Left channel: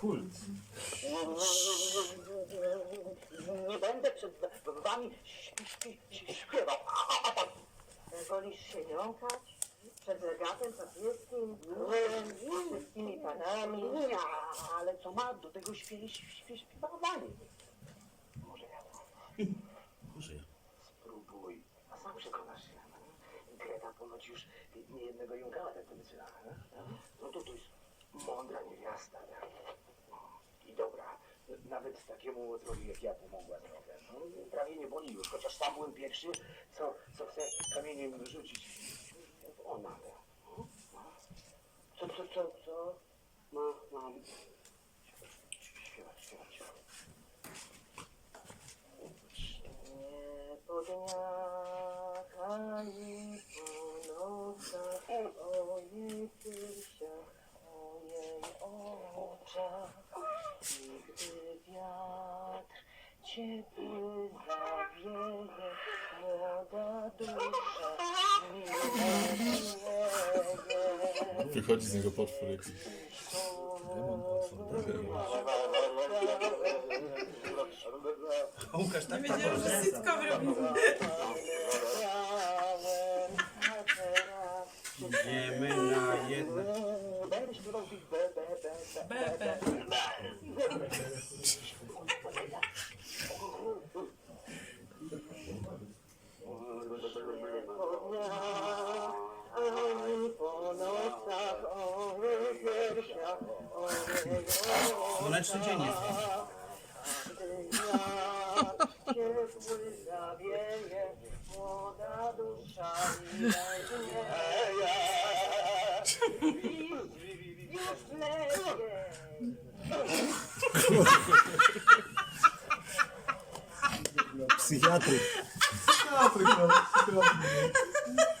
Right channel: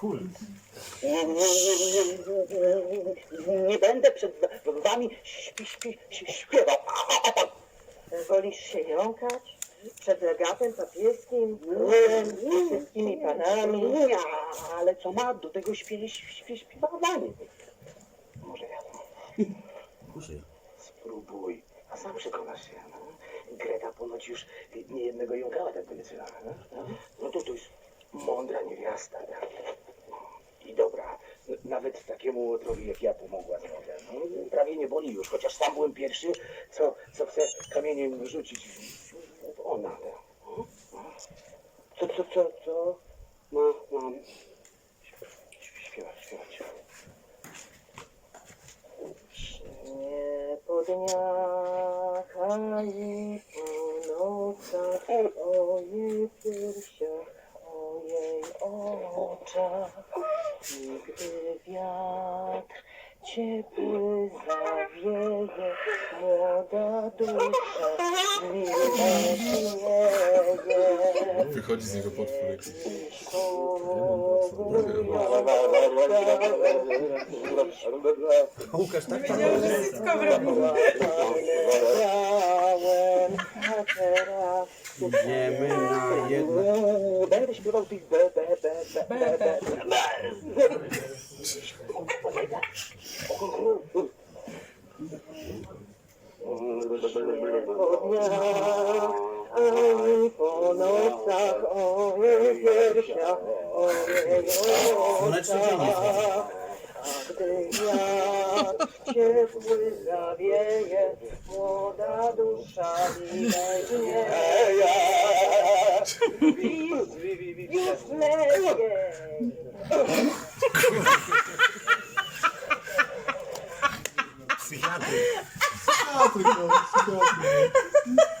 Kult. Nie będę przed wami śpi, śpi, śpi, śpiewał. Wolisz się jąkać? Przed legatem papieskim, królem, wszystkimi panami? Nie, ale co ma do tego śpiewie, śpiew, śpiewanie? Może ja Kurze. spróbuj, a sam przekonasz się. no. Greta ponoć już niejednego jąkała tak wyleczyła. No, no to to jest mądra niewiasta. I dobra, nawet takiemu łotrowi jak ja pomogła trochę. No, prawie nie boli już, chociaż sam byłem pierwszy, co, co chce kamieniem rzucić ona. Co, co, co, co? Ma, mam. Śpiewać, śpiewać. Nie po dniach ani po nocach, o jej piersiach, o jej oczach. Ciepły zawieje, młoda dusza. Wychodzi z niego potwór jakiś. Łukasz tak że. Brałem, a teraz Idziemy na jedno. Będę śpiewał tych be, be, be, be, be, be, be. po po nocach, o o Słoneczny dzień jest. ciepły zawieje, młoda dusza widać Już lepiej. psiquiátrico. Psiquiátrico, psiquiátrico.